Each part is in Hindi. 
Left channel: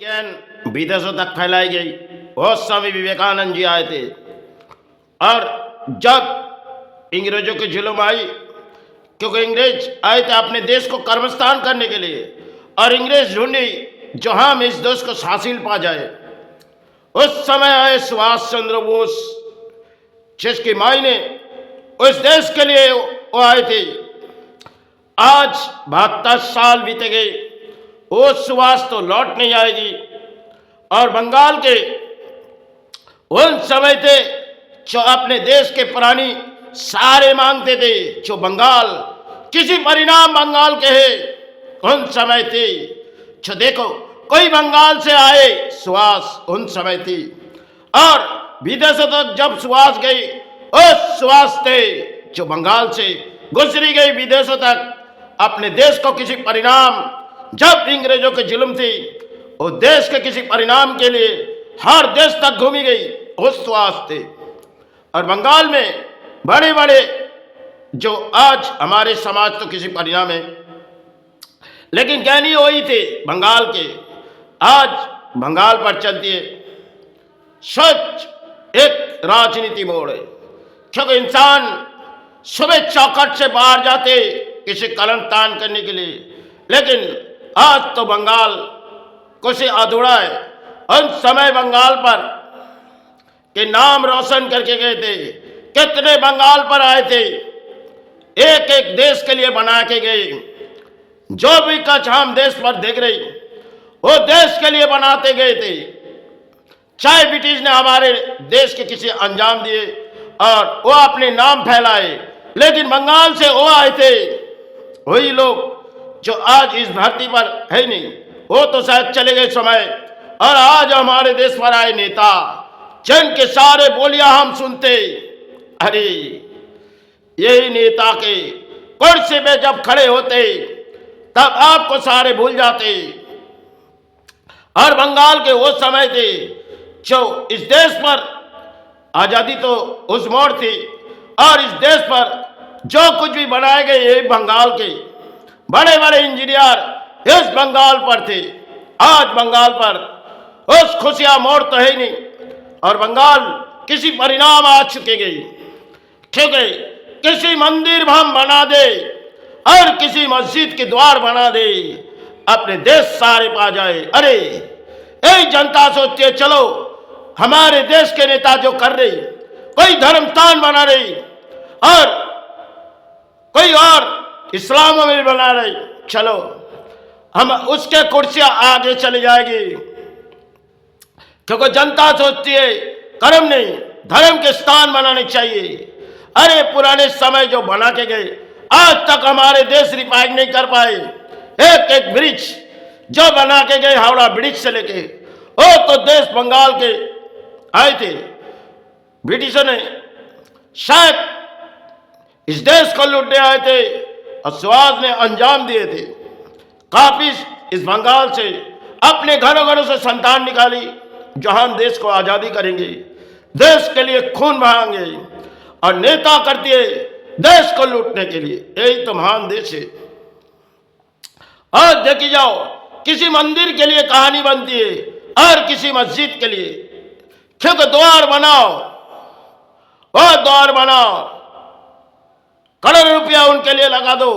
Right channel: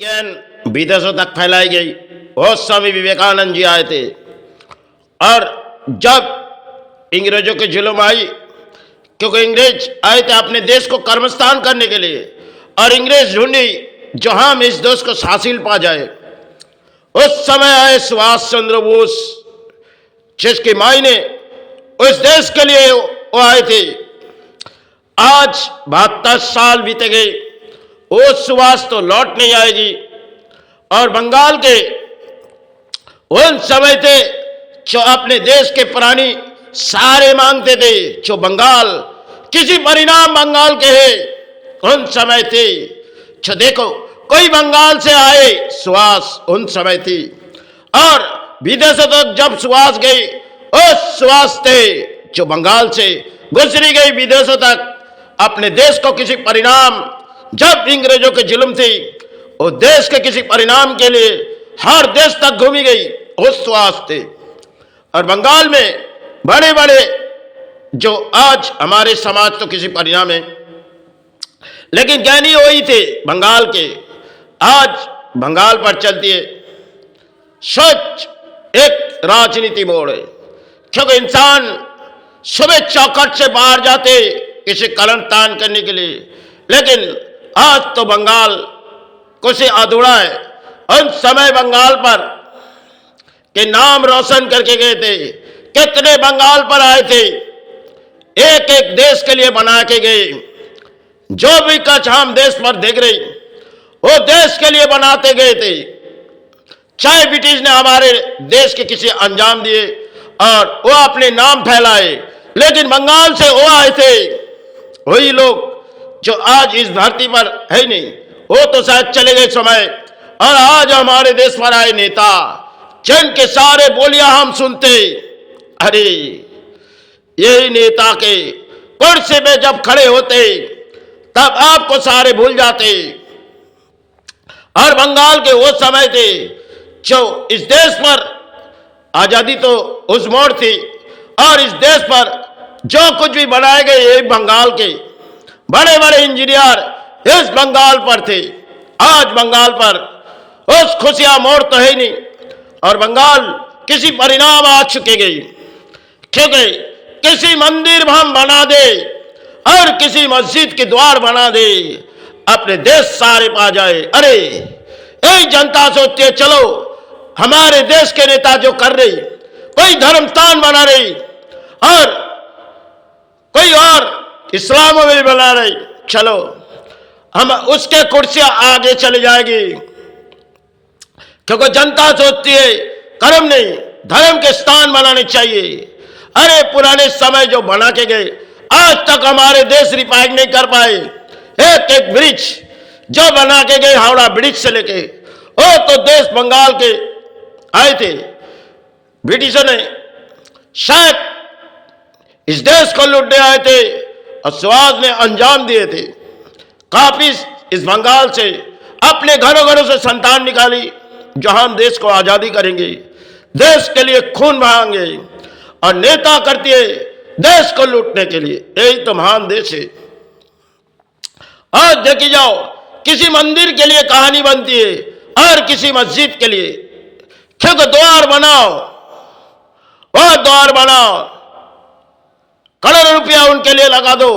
ज्ञान विदेशों तक फैलाई गई। और स्वामी विवेकानंद जी आए थे और जब अंग्रेजों की जुल्म आई, क्योंकि अंग्रेज आए थे अपने देश को कर्मस्थान करने के लिए, और अंग्रेज ढूंढी जो हम इस देश को हासिल पा जाए। उस समय आए सुभाष चंद्र बोस, जिसके मायने उस देश के लिए वो आए थे। आज 72 साल बीते गए, वो सुभाष तो लौट नहीं आएगी। और बंगाल के उन समय थे जो अपने देश के प्राणी सारे मांगते थे, जो बंगाल किसी परिणाम बंगाल के है उन समय थे। जो देखो कोई बंगाल से आए, सुभाष उन समय थी। और विदेशों तक जब सुभाष गई, उस सुभाष थे जो बंगाल से गुजरी गई विदेशों तक अपने देश को किसी परिणाम, जब अंग्रेजों की जुल्म थी वो देश के किसी परिणाम के लिए हर देश तक घूमी गई, उस सुभाष थे। और बंगाल में बड़े बड़े जो आज हमारे समाज तो किसी परिणाम है, लेकिन ज्ञानी वही थे बंगाल के। आज बंगाल पर चलती है सच एक राजनीति मोड़ है, क्योंकि इंसान सुबह चौखट से बाहर जाते किसी कलम तान करने के लिए, लेकिन आज तो बंगाल कुछ अधूरा है। उन समय बंगाल पर के नाम रोशन करके गए थे, कितने बंगाल पर आए थे, एक एक देश के लिए बना के गए। जो भी कच हम देश पर देख रहे वो देश के लिए बनाते गए थे। चाहे ब्रिटिश ने हमारे देश के किसी अंजाम दिए और वो अपने नाम फैलाए, लेकिन बंगाल से वो आए थे वही लोग जो आज इस धरती पर है नहीं, वो तो शायद चले गए समय। और आज हमारे देश पर आए नेता जिनके सारे बोलियां हम सुनते, अरे यही नेता के कुर्सी पे जब खड़े होते तब आपको सारे भूल जाते। और बंगाल के वो समय थे जो इस देश पर आजादी तो उस मोड़ थी, और इस देश पर जो कुछ भी बनाए गए ये बंगाल के बड़े बड़े इंजीनियर इस बंगाल पर थे। आज बंगाल पर उस खुशियां मोड़ तो है नहीं, और बंगाल किसी परिणाम आ चुके गई, क्योंकि किसी मंदिर हम बना दे और किसी मस्जिद के द्वार बना दे, अपने देश सारे पा जाए। अरे यही जनता सोचती है चलो हमारे देश के नेता जो कर रही, कोई धर्म स्थान बना रही और कोई और इस्लाम में बना रही, चलो हम उसके कुर्सियां आगे चली जाएगी, क्योंकि जनता सोचती है कर्म नहीं धर्म के स्थान बनाने चाहिए। अरे पुराने समय जो बना के गए आज तक हमारे देश रिपायर नहीं कर पाए। एक एक ब्रिज जो बना के गए हावड़ा ब्रिज से लेके, वो तो देश बंगाल के आए थे। ब्रिटिशों ने शायद इस देश को लूटने आए थे और सुभाष ने अंजाम दिए थे। काफी इस बंगाल से अपने घरों घरों से संतान निकाली जो हम देश को आजादी करेंगे, देश के लिए खून बहाएंगे, और नेता करती है देश को लूटने के लिए। यही तो महान देश है। और देखी जाओ किसी मंदिर के लिए कहानी बनती है और किसी मस्जिद के लिए, क्योंकि द्वार बनाओ और द्वार बनाओ, करोड़ रुपया उनके लिए लगा दो,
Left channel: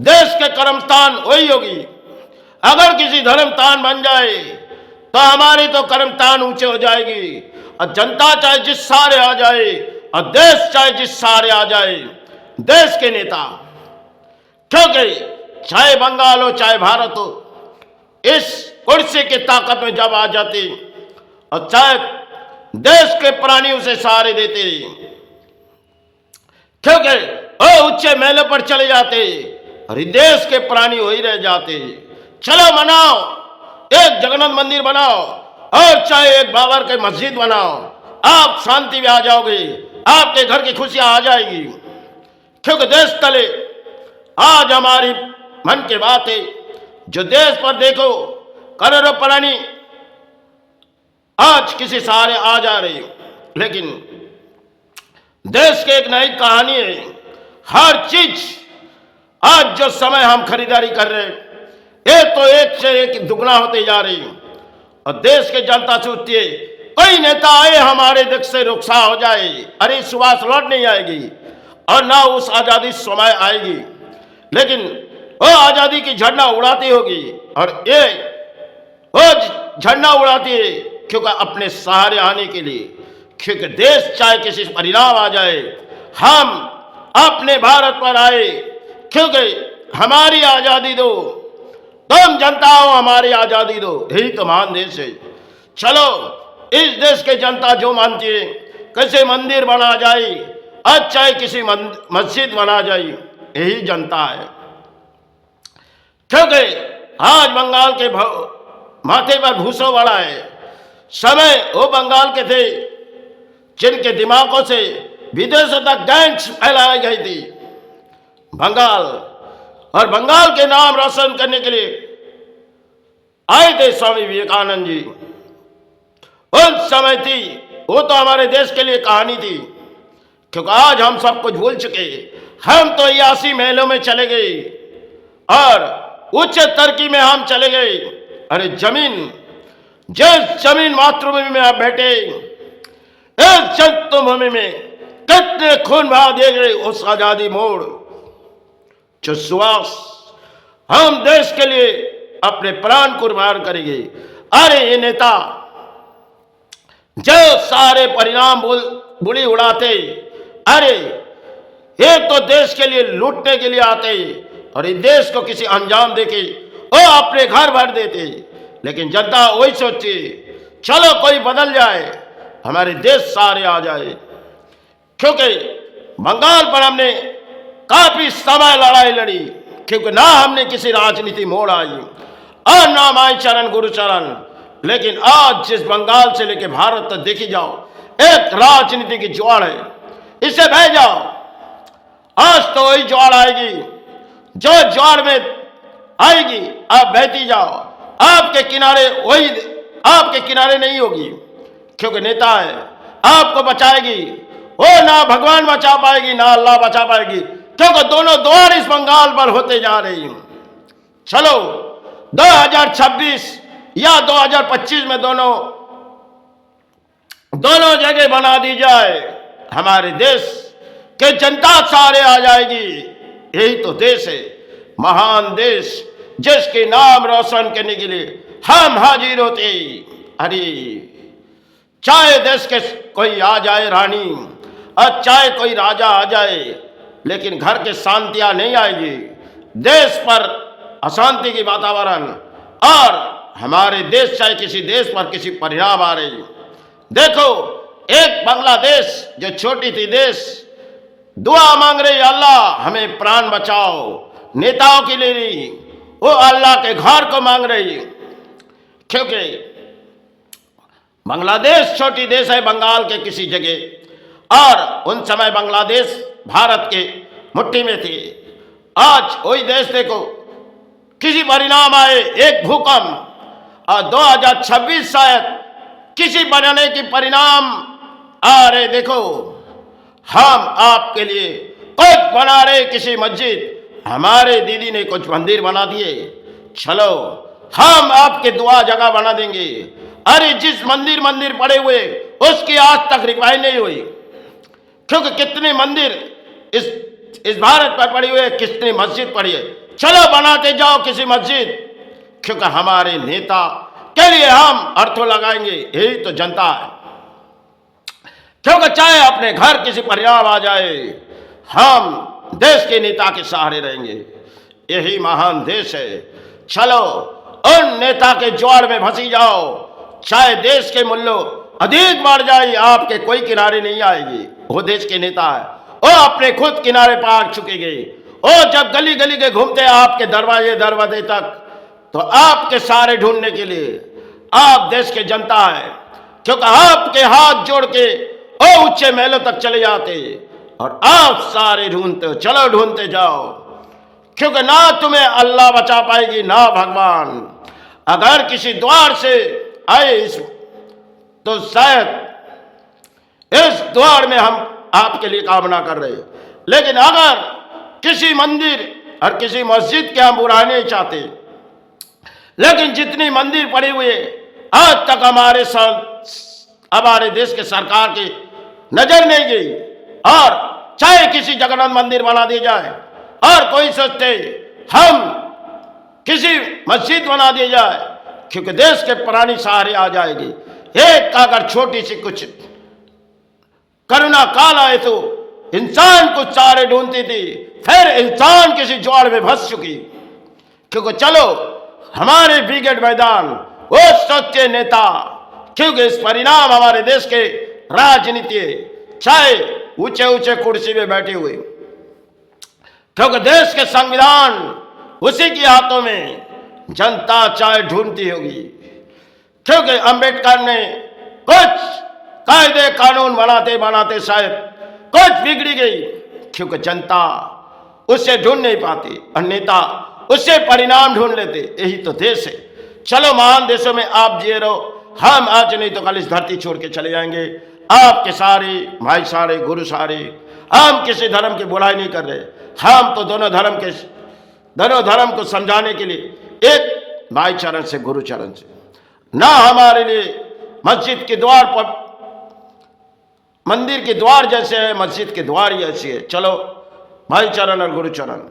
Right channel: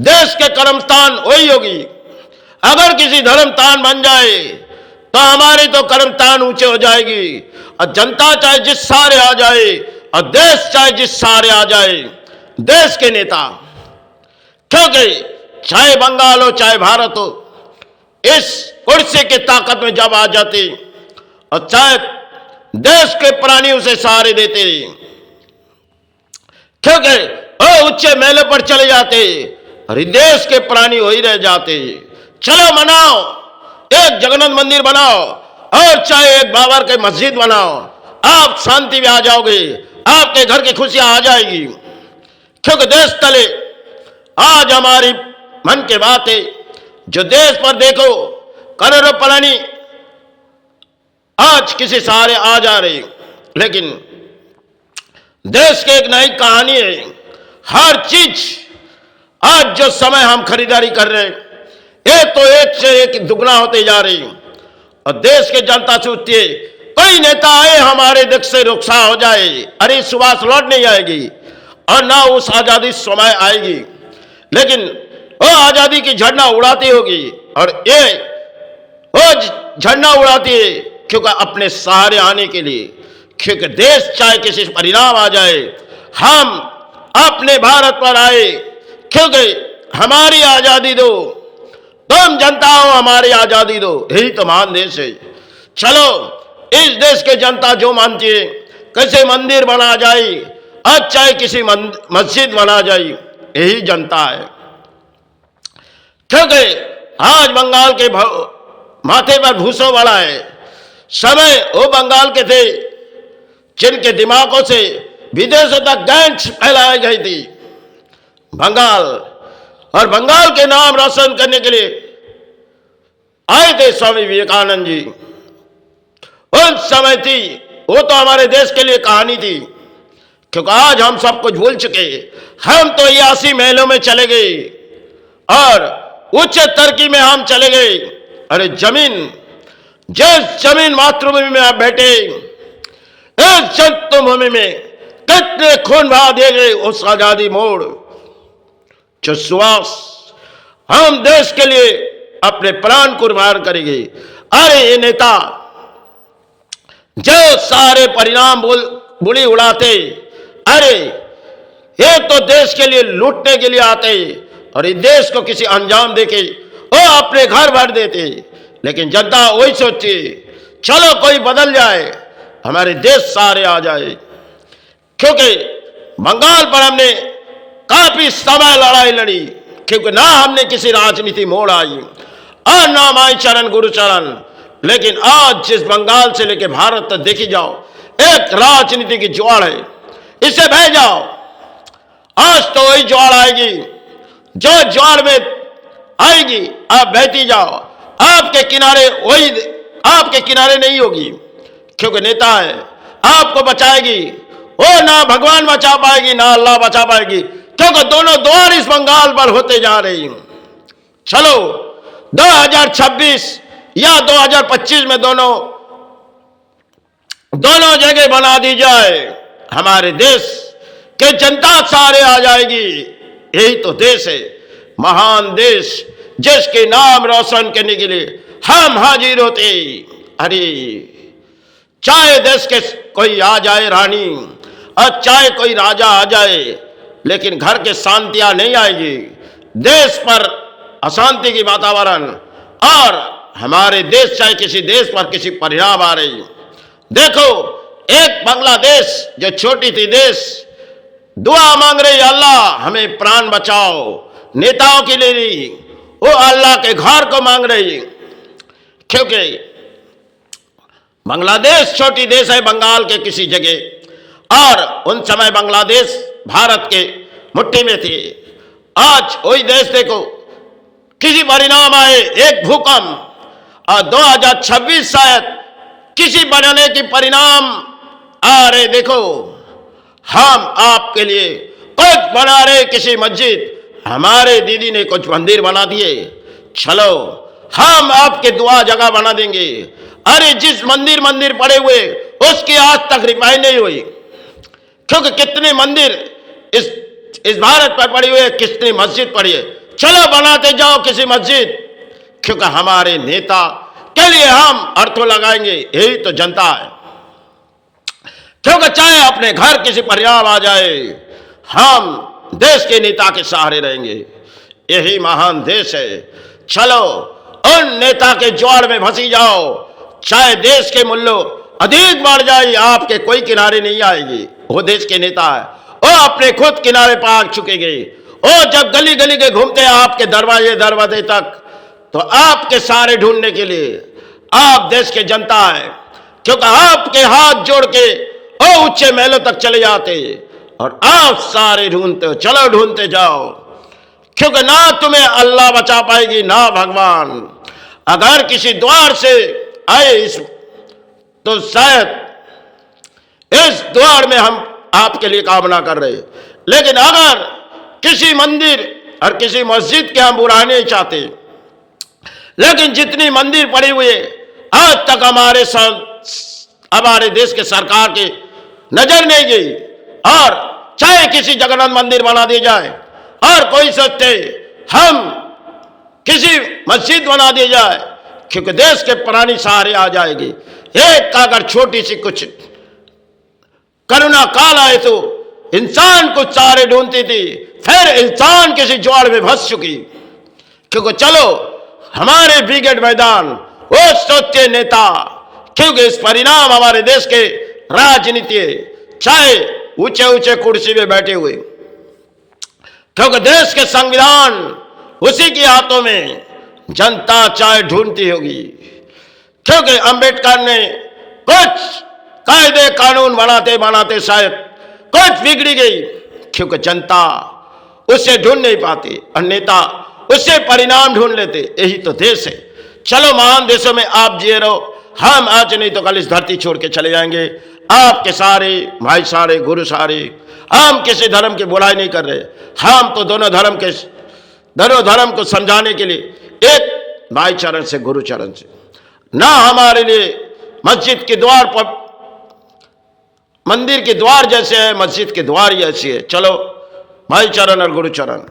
देश के कर्मस्थान वही होगी। अगर किसी धर्मस्थान बन जाए तो हमारी तो कर्मस्थान ऊंचे हो जाएगी, और जनता चाहे जिस सारे आ जाए और देश चाहे जिस सारे आ जाए, देश के नेता, क्योंकि चाहे बंगाल हो चाहे भारत हो, इस कुर्सी की ताकत में जब आ जाते और चाहे देश के प्राणी उसे सहारे देते, क्योंकि वो ऊंचे मेले पर चले जाते और देश के प्राणी वही रह जाते। चलो मनाओ, एक जगन्नाथ मंदिर बनाओ और चाहे एक बाबर के मस्जिद बनाओ, आप शांति में आ जाओगे, आपके घर की खुशियां आ जाएगी। क्योंकि देश तले आज हमारी मन की बात है, जो देश पर देखो करोड़ों प्राणी आज किसी सहारे आ जा रही, लेकिन देश की एक नई कहानी है। हर चीज आज जो समय हम खरीदारी कर रहे हैं, एक तो एक से एक दुगना होते जा रही। और देश की जनता सोचती है कोई नेता आए हमारे देश से रुखसा हो जाए, अरे सुभाष लौट नहीं आएगी और ना उस आजादी समय आएगी, लेकिन वो आजादी की झंडा उड़ाती होगी और ये वो झंडा उड़ाती है क्योंकि अपने सहारे आने के लिए, क्योंकि देश चाहे किसी परिणाम आ जाए हम अपने भारत पर आए, क्योंकि हमारी आजादी दो, तुम जनता हो हमारी आजादी दो, यही तो महान देश है। चलो इस देश की जनता जो मानती है कैसे मंदिर बना जाए, अच्छा है किसी मस्जिद बना जाए, यही जनता है। क्योंकि आज बंगाल के माथे पर भूसो वाला है, समय वो बंगाल के थे जिनके दिमागों से विदेशों तक गैंग्स फैलाई गई थी बंगाल, और बंगाल के नाम रोशन करने के लिए आए थे स्वामी विवेकानंद जी। उस समय थी वो तो हमारे देश के लिए कहानी थी, क्योंकि आज हम सब कुछ भूल चुके, हम तो 80 महलों में चले गए और उच्च तरक्की में हम चले गए। अरे जमीन, जिस जमीन मातृभूमि में आप बैठे, इस जन्मभूमि में कितने खून बहा दिए गए, उस आजादी मोड़ जो सुहास हम देश के लिए अपने प्राण कुर्बान करेंगे। अरे ये नेता जो सारे परिणाम बुली उड़ाते, अरे ये तो देश के लिए लूटने के लिए आते और इस देश को किसी अंजाम देके वो अपने घर भर देते, लेकिन जनता वही सोचती चलो कोई बदल जाए, हमारे देश सारे आ जाए। क्योंकि बंगाल पर हमने काफी समय लड़ाई लड़ी, क्योंकि ना हमने किसी राजनीति मोड़ आई और ना माई चरण गुरु चरण, लेकिन आज जिस बंगाल से लेके भारत तक देखी जाओ एक राजनीति की ज्वार है, इसे बह जाओ, आज तो वही ज्वार आएगी जो ज्वार में आएगी, आप बहती जाओ, आपके किनारे वही आपके किनारे नहीं होगी, क्योंकि नेता है आपको बचाएगी, वो ना भगवान बचा पाएगी ना अल्लाह बचा पाएगी, क्योंकि दोनों द्वार इस बंगाल पर होते जा रही हैं। चलो 2026 या 2025 में दोनों जगह बना दी जाए, हमारे देश के जनता सारे आ जाएगी। यही तो देश है, महान देश, जिसके नाम रोशन करने के लिए हम हाजिर होते। अरे चाहे देश के कोई आ जाए रानी और चाहे कोई राजा आ जाए, लेकिन घर के शांतियां नहीं आएगी, देश पर अशांति की वातावरण, और हमारे देश चाहे किसी देश पर किसी परिणाम आ रही। देखो एक बांग्लादेश जो छोटी थी देश दुआ मांग रही, अल्लाह हमें प्राण बचाओ, नेताओं के लिए नहीं, वो अल्लाह के घर को मांग रही, क्योंकि बांग्लादेश छोटी देश है बंगाल के किसी जगह, और उन समय बांग्लादेश भारत के मुट्ठी में थी। आज वही देश देखो किसी परिणाम आए, एक भूकंप, और 2026 शायद किसी बनाने की परिणाम आ रहे। देखो हम आपके लिए कुछ बना रहे, किसी मस्जिद, हमारे दीदी ने कुछ मंदिर बना दिए, चलो हम आपके दुआ जगह बना देंगे। अरे जिस मंदिर पड़े हुए उसकी आज तक रिपाई नहीं हुई, क्योंकि कितने मंदिर इस भारत पर पड़ी हुई है, कितनी मस्जिद पड़ी है, चलो बनाते जाओ किसी मस्जिद, क्योंकि हमारे नेता के लिए हम अर्थों लगाएंगे। यही तो जनता है, क्योंकि चाहे अपने घर किसी परिणाम आ जाए, हम देश के नेता के सहारे रहेंगे। यही महान देश है। चलो उन नेता के ज्वार में फंसी जाओ, चाहे देश के मूल्य अधिक बढ़ जाए, आपके कोई किनारे नहीं आएगी। वो देश के नेता है, वो अपने खुद किनारे पर आ चुके गए। वो जब गली गली के घूमते हैं आपके दरवाजे तक, तो आपके सहारे ढूंढने के लिए आप देश के जनता है, क्योंकि आपके हाथ जोड़ के वो ऊंचे महलों तक चले जाते और आप सारे ढूंढते हो। चलो ढूंढते जाओ, क्योंकि ना तुम्हें अल्लाह बचा पाएगी ना भगवान। अगर किसी द्वार से आए तो शायद इस द्वार में हम आपके लिए कामना कर रहे, लेकिन अगर किसी मंदिर और किसी मस्जिद के हम बुरा नहीं चाहते, लेकिन जितनी मंदिर पड़ी हुई है आज तक हमारे देश के सरकार की नजर नहीं गई। और चाहे किसी जगन्नाथ मंदिर बना दिया जाए और कोई सोचते हम किसी मस्जिद बना दी जाए, क्योंकि देश के प्राणी सहारे आ जाएगी। एक अगर छोटी सी कुछ करुणा काल आए तो इंसान कुछ सहारे ढूंढती थी, फिर इंसान किसी ज्वार में फंस चुकी। क्योंकि चलो हमारे ब्रिगेड मैदान वो सोचे नेता, क्योंकि इस परिणाम हमारे देश के राजनीति चाहे ऊंचे ऊंचे कुर्सी में बैठे हुए, क्योंकि देश के संविधान उसी के हाथों में जनता चाहे ढूंढती होगी। क्योंकि अंबेडकर ने कुछ कायदे कानून बनाते बनाते शायद कुछ बिगड़ी गई, क्योंकि जनता उससे ढूंढ नहीं पाती और नेता उससे परिणाम ढूंढ लेते। यही तो देश है। चलो महान देशों में आप जिए रहो, हम आज नहीं तो कल इस धरती छोड़ के चले जाएंगे। आपके सारे भाई सारे गुरु सारे, हम किसी धर्म की बुराई नहीं कर रहे, हम तो दोनों धर्म को समझाने के लिए एक भाई चरण से गुरु चरण से, ना हमारे लिए मस्जिद के द्वार पर मंदिर के द्वार जैसे है, मस्जिद के द्वार जैसी है। चलो भाई चरण और गुरु चरण।